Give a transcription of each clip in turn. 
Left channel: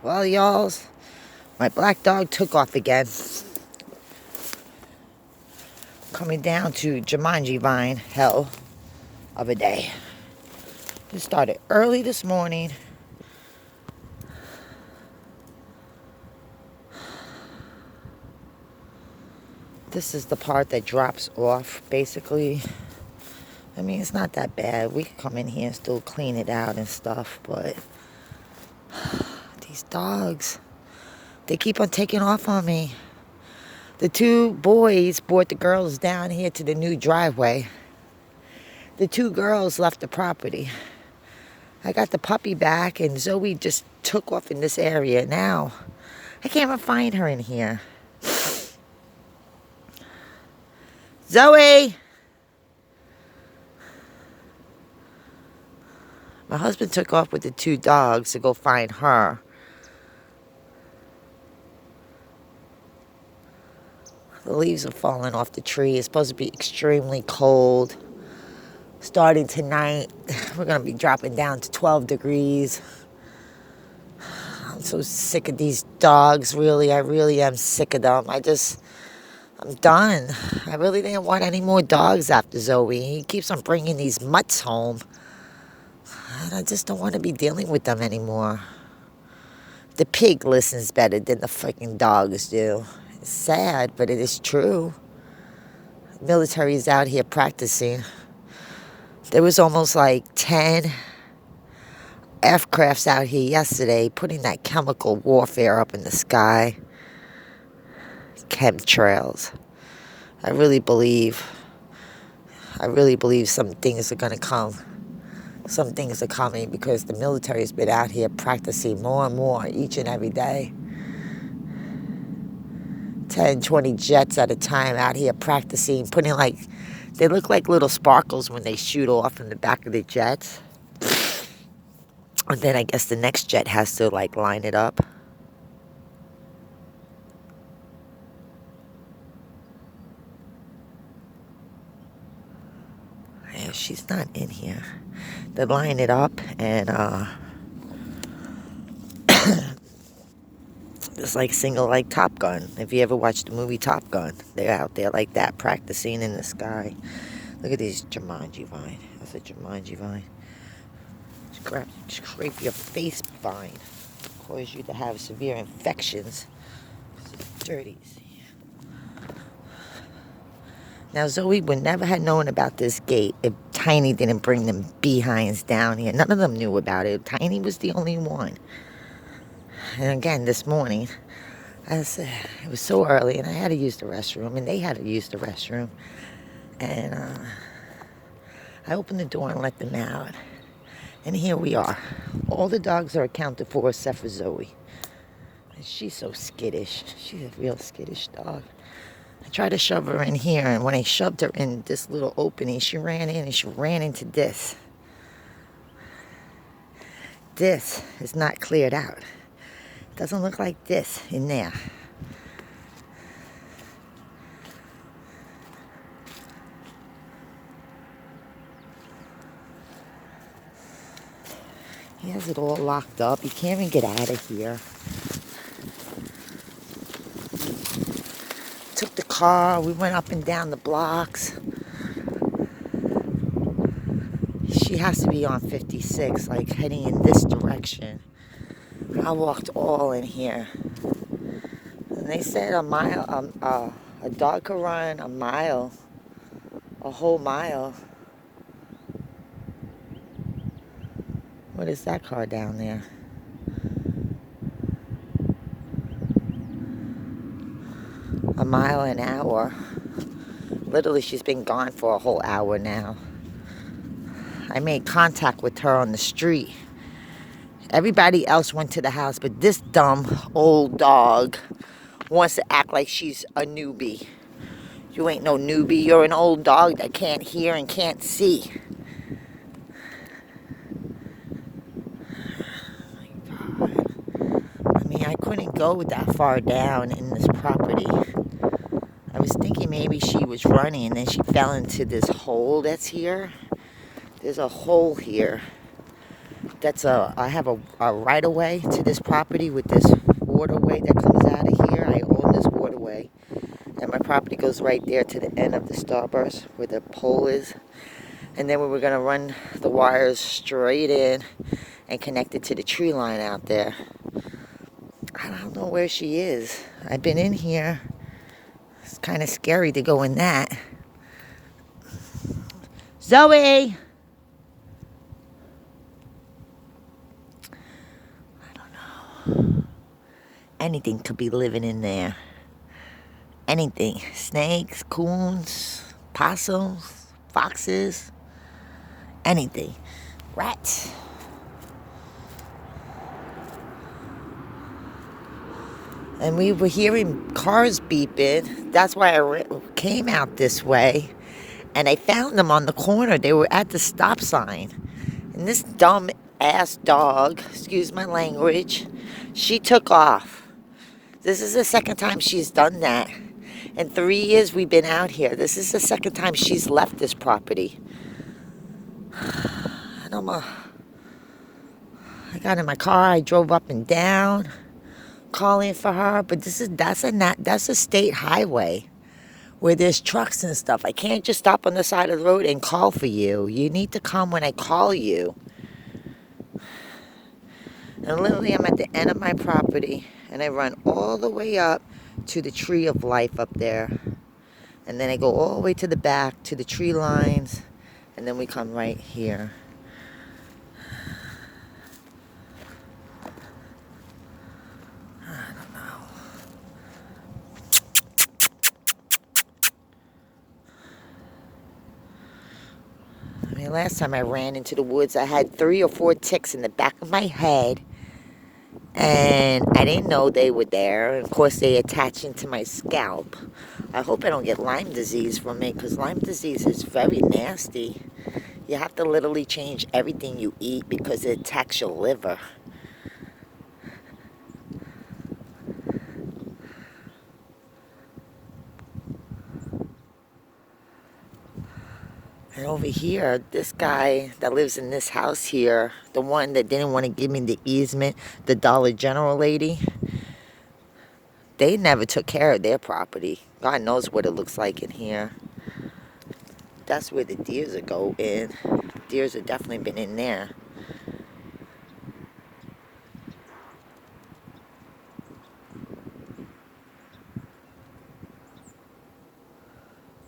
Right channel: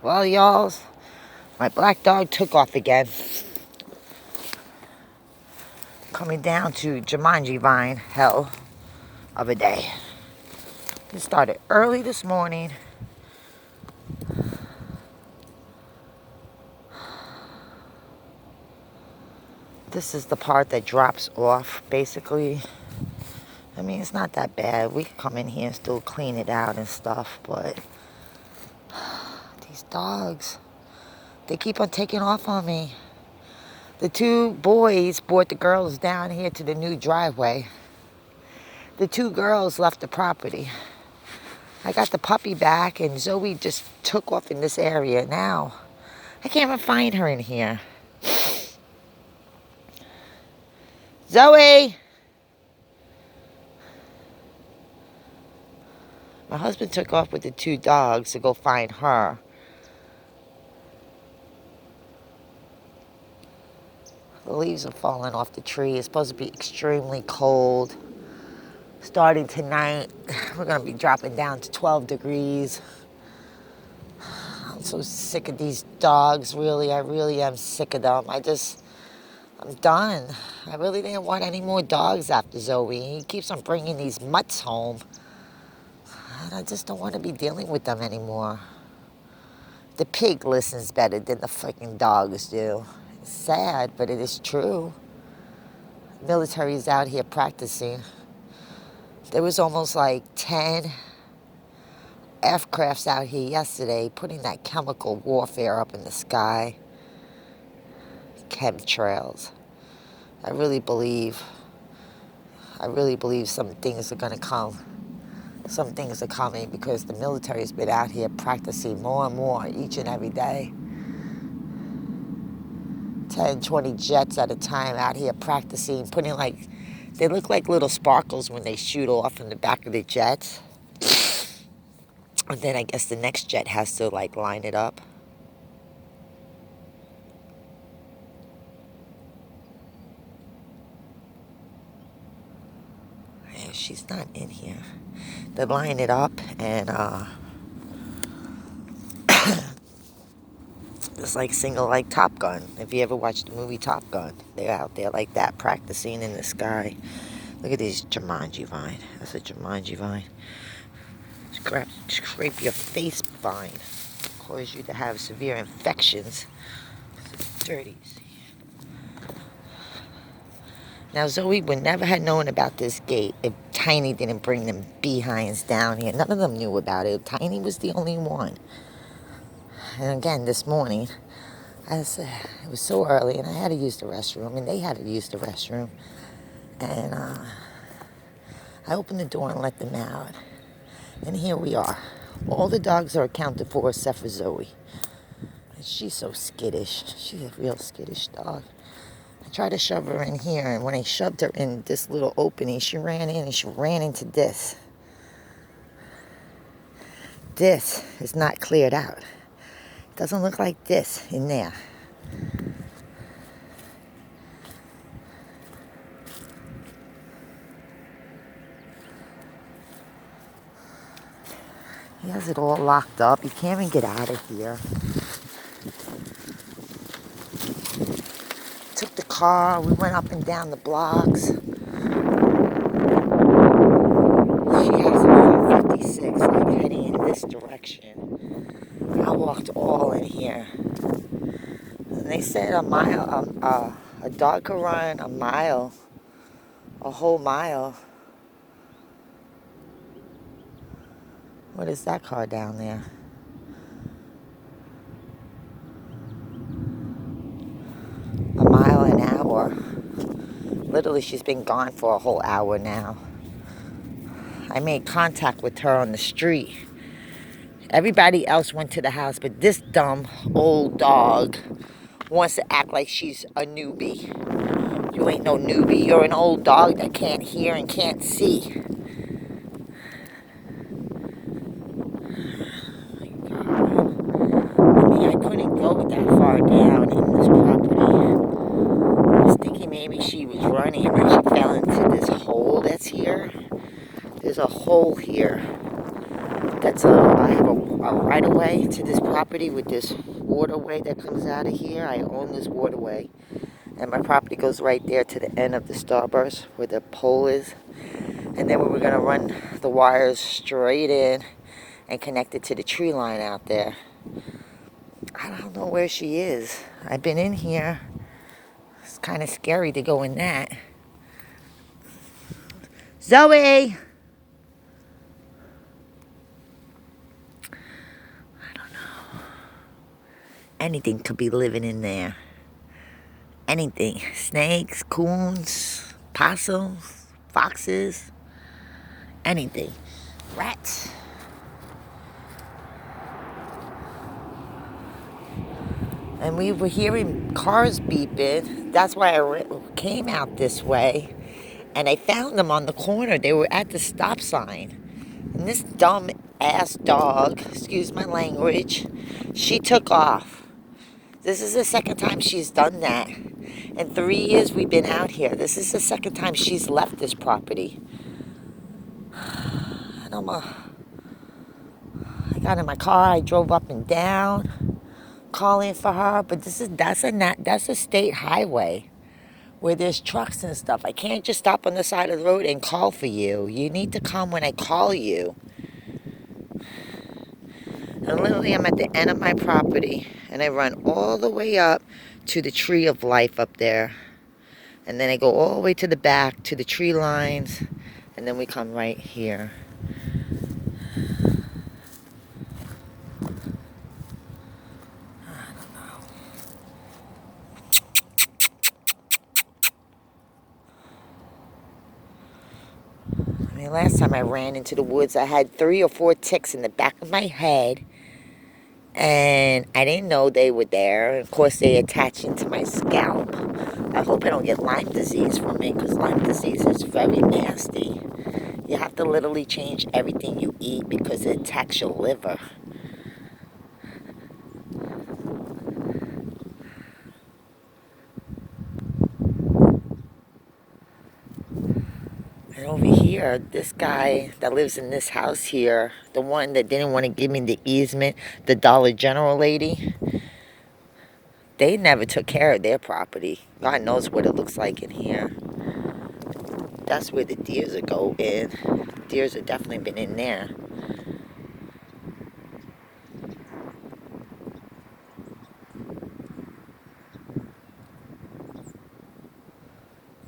Well, y'all, my black dog took off again. Coming down to Jumanji Vine, hell of a day. It started early this morning. This is the part that drops off, basically. I mean, it's not that bad. We can come in here and still clean it out and stuff, but these dogs, they keep on taking off on me. The two boys brought the girls down here to the new driveway. The two girls left the property. I got the puppy back, and Zoe just took off in this area. Now, I can't even find her in here. Zoe! My husband took off with the two dogs to go find her. The leaves are falling off the tree. It's supposed to be extremely cold. Starting tonight, we're going to be dropping down to 12 degrees. I'm so sick of these dogs, really. I really am sick of them. I'm done. I really didn't want any more dogs after Zoe. He keeps on bringing these mutts home. And I just don't want to be dealing with them anymore. The pig listens better than the freaking dogs do. It's sad, but it is true. The military is out here practicing. There was almost like 10 aircrafts out here yesterday putting that chemical warfare up in the sky. Chemtrails. I really believe some things are going to come. Some things are coming because the military has been out here practicing more and more each and every day. 10, 20 jets at a time out here practicing, they look like little sparkles when they shoot off in the back of the jets. And then I guess the next jet has to line it up. Yeah, she's not in here. They line it up and it's like Top Gun. If you ever watched the movie Top Gun, they're out there like that, practicing in the sky. Look at these Jumanji vine. That's a Jumanji vine. Scrape your face vine. Cause you to have severe infections. Dirty. Now, Zoe would never have known about this gate if Tiny didn't bring them behinds down here. None of them knew about it. Tiny was the only one. And again, this morning, it was so early, and I had to use the restroom, and they had to use the restroom. And I opened the door and let them out. And here we are. All the dogs are accounted for except for Zoe. And she's so skittish. She's a real skittish dog. I tried to shove her in here, and when I shoved her in this little opening, she ran in and she ran into this. This is not cleared out. Doesn't look like this in there. He has it all locked up. He can't even get out of here. Took the car. We went up and down the blocks. She has to be on 56, heading in this direction. I walked all in here. And they said a dog could run a mile, a whole mile. What is that car down there? A mile an hour. Literally, she's been gone for a whole hour now. I made contact with her on the street. Everybody else went to the house, but this dumb old dog wants to act like she's a newbie. You ain't no newbie. You're an old dog that can't hear and can't see. I couldn't go that far down in this property. I was thinking maybe she was running and then she fell into this hole that's here. There's a hole here I have a right of way to this property with this waterway that comes out of here. I own this waterway. And my property goes right there to the end of the starburst where the pole is. And then we were going to run the wires straight in and connect it to the tree line out there. I don't know where she is. I've been in here. It's kind of scary to go in that. Zoe! I don't know. Anything could be living in there. Anything. Snakes, coons, possums, foxes, anything. Rats. And we were hearing cars beeping. That's why I came out this way. And I found them on the corner. They were at the stop sign. And this dumb ass dog, excuse my language, she took off. This is the second time she's done that. In 3 years we've been out here. This is the second time she's left this property. And I got in my car. I drove up and down, calling for her. But that's a state highway where there's trucks and stuff. I can't just stop on the side of the road and call for you. You need to come when I call you. And literally, I'm at the end of my property, and I run all the way up to the tree of life up there. And then I go all the way to the back, to the tree lines, and then we come right here. I don't know. I mean, last time I ran into the woods, I had 3 or 4 ticks in the back of my head. And I didn't know they were there. And of course, they attach into my scalp. I hope I don't get Lyme disease from it, because Lyme disease is very nasty. You have to literally change everything you eat because it attacks your liver. And over here, this guy that lives in this house here, the one that didn't want to give me the easement, the Dollar General lady, they never took care of their property. God knows what it looks like in here. That's where the deers are going. Deers have definitely been in there.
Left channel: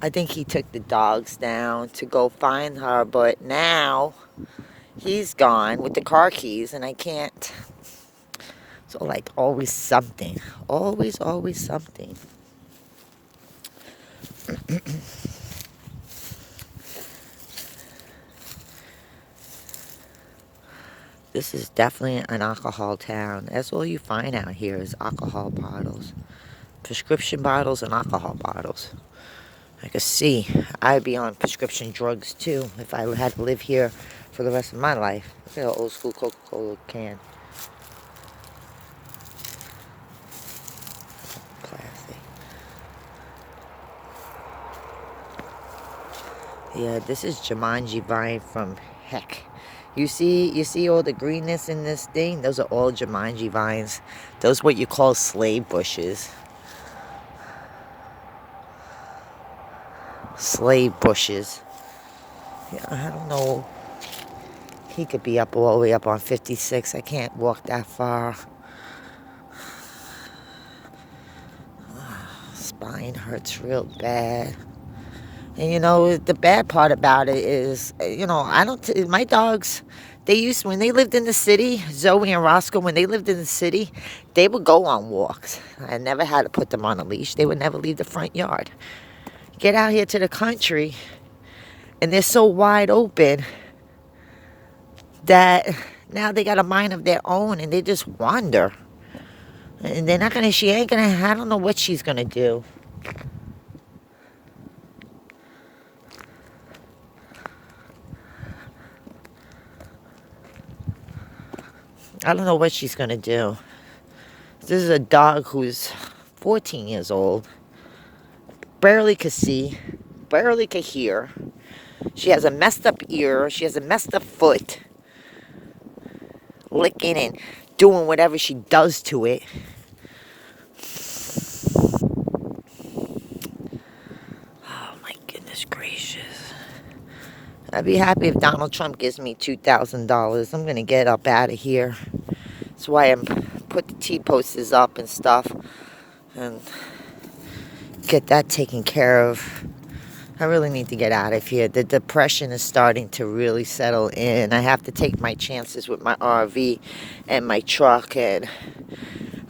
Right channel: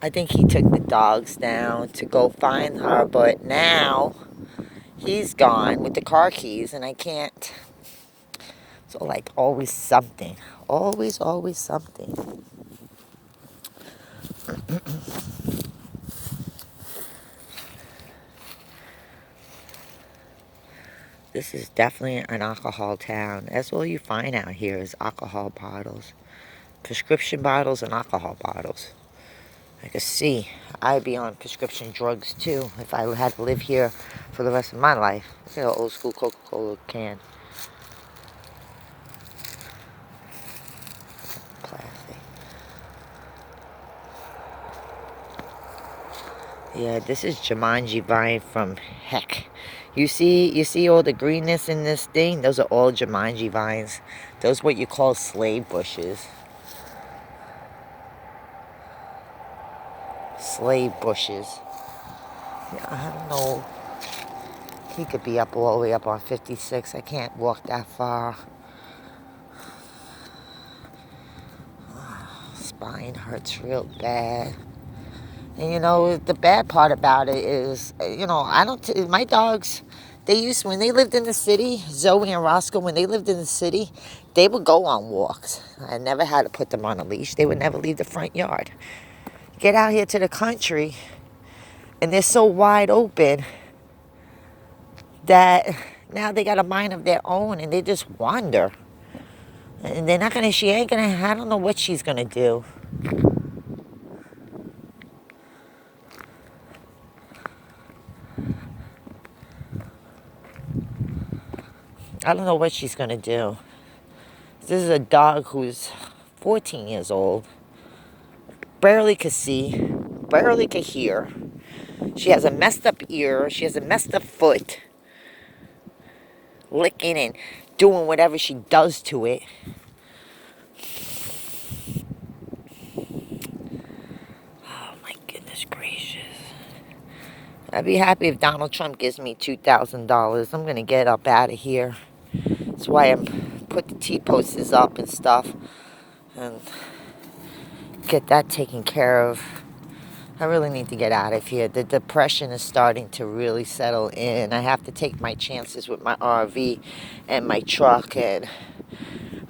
I think he took the dogs down to go find her, but now he's gone with the car keys, and I can't. So, like, always something. Always something. This is definitely an alcohol town. That's all you find out here is alcohol bottles. Prescription bottles and alcohol bottles. I could see I'd be on prescription drugs too if I had to live here for the rest of my life. Look at an old school Coca-Cola can. Plastic. Yeah, this is Jumanji vine from heck. You see all the greenness in this thing? Those are all Jumanji vines. Those are what you call slave bushes. Slave bushes. Yeah, I don't know. He could be up all the way up on 56. I can't walk that far. Spine hurts real bad. And you know, the bad part about it is, you know, my dogs, when they lived in the city, Zoe and Roscoe, when they lived in the city, they would go on walks. I never had to put them on a leash. They would never leave the front yard. Get out here to the country, and they're so wide open that now they got a mind of their own, and they just wander. And I don't know what she's gonna do. I don't know what she's gonna do. This is a dog who's 14 years old, barely could see, barely could hear. She has a messed up ear, she has a messed up foot. licking and doing whatever she does to it. Oh my goodness gracious. I'd be happy if Donald Trump gives me $2,000. I'm going to get up out of here. That's why I'm put the T-posters up and stuff. And get that taken care of. I really need to get out of here. The depression is starting to really settle in. I have to take my chances with my RV and my truck and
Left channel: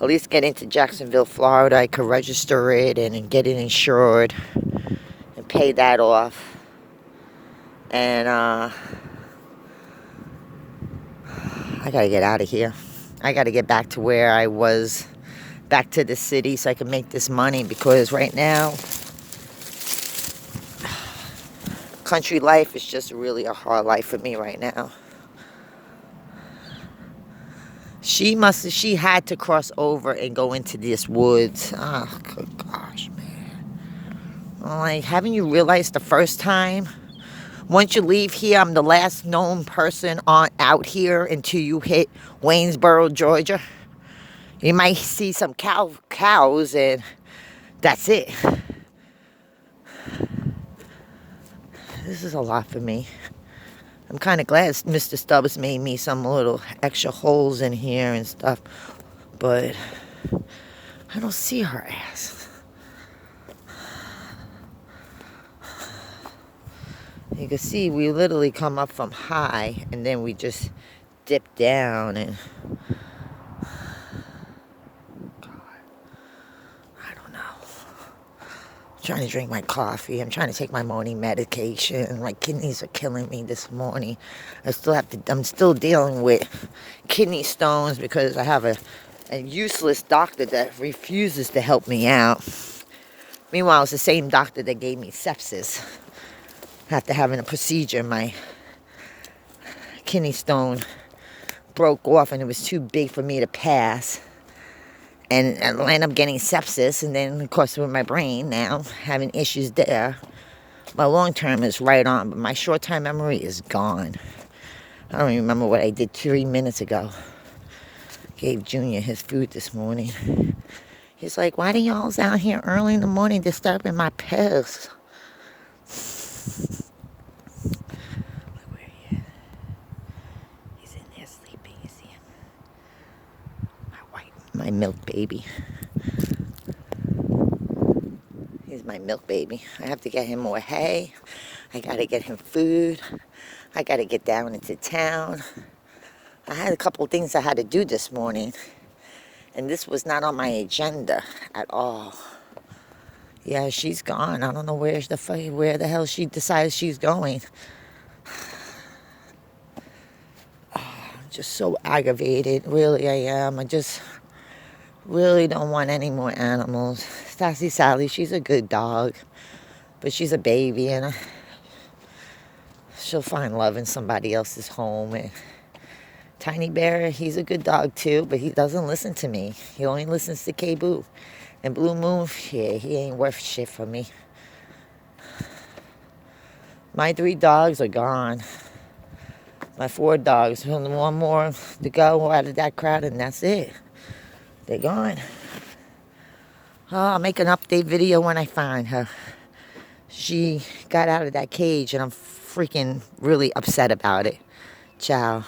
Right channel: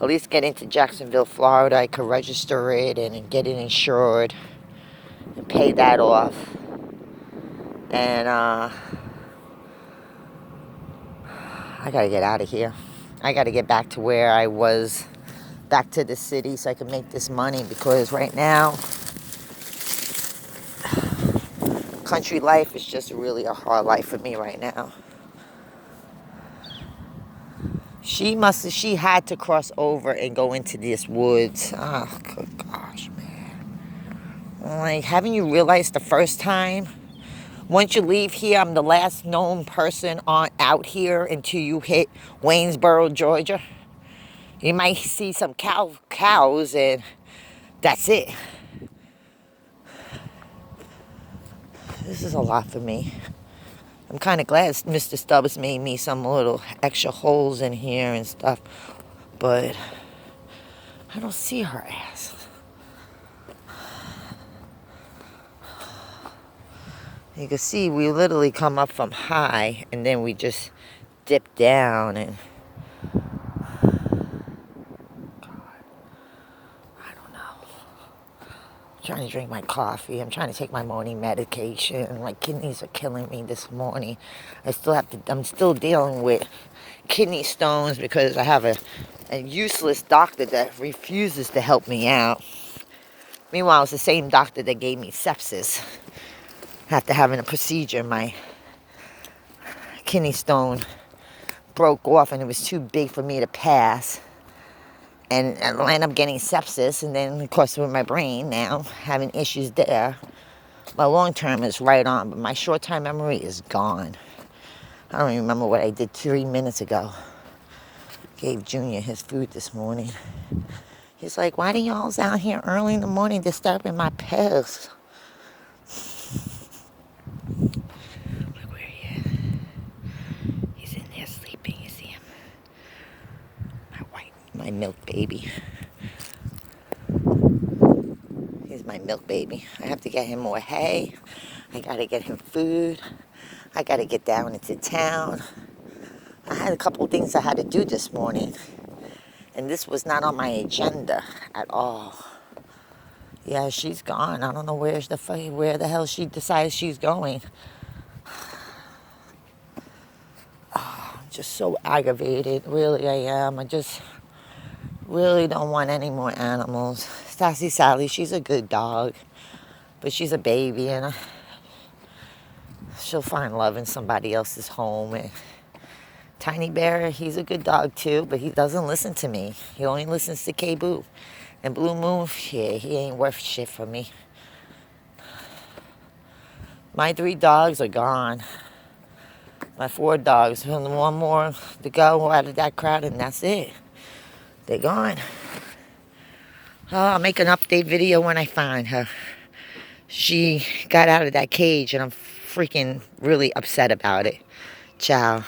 at least get into Jacksonville, Florida. I could register it and get it insured and pay that off. And I gotta get out of here. I gotta get back to where I was, back to the city so I can make this money, because right now country life is just really a hard life for me right now. She had to cross over and go into this woods. Oh, good gosh, man. Like, haven't you realized the first time? Once you leave here, I'm the last known person out here until you hit Waynesboro, Georgia. You might see some cows, and that's it. This is a lot for me. I'm kind of glad Mr. Stubbs made me some little extra holes in here and stuff, but I don't see her ass. You can see we literally come up from high and then we just dip down, and I don't know. I'm trying to drink my coffee. I'm trying to take my morning medication. My kidneys are killing me this morning. I'm still dealing with kidney stones because I have a useless doctor that refuses to help me out. Meanwhile, it's the same doctor that gave me sepsis. After having a procedure, my kidney stone broke off and it was too big for me to pass. And I ended up getting sepsis, and then, of course, with my brain now, having issues there. My long term is right on, but my short term memory is gone. I don't even remember what I did 3 minutes ago. Gave Junior his food this morning. He's like, why do y'all's out here early in the morning disturbing my pills? Look where he is. He's in there sleeping. You see him? My milk baby. This is my milk baby. I have to get him more hay. I gotta get him food. I gotta get down into town. I had a couple things I had to do this morning, and this was not on my agenda at all. Yeah, she's gone. I don't know where the hell she decides she's going. Oh, I'm just so aggravated. Really, I am. I just really don't want any more animals. Sassy Sally, she's a good dog, but she's a baby, and she'll find love in somebody else's home. And Tiny Bear, he's a good dog too, but he doesn't listen to me. He only listens to K-Boo. And Blue Moon, yeah, he ain't worth shit for me. My 3 dogs are gone. My 4 dogs, only one more to go out of that crowd, and that's it. They're gone. Oh, I'll make an update video when I find her. She got out of that cage, and I'm freaking really upset about it. Ciao.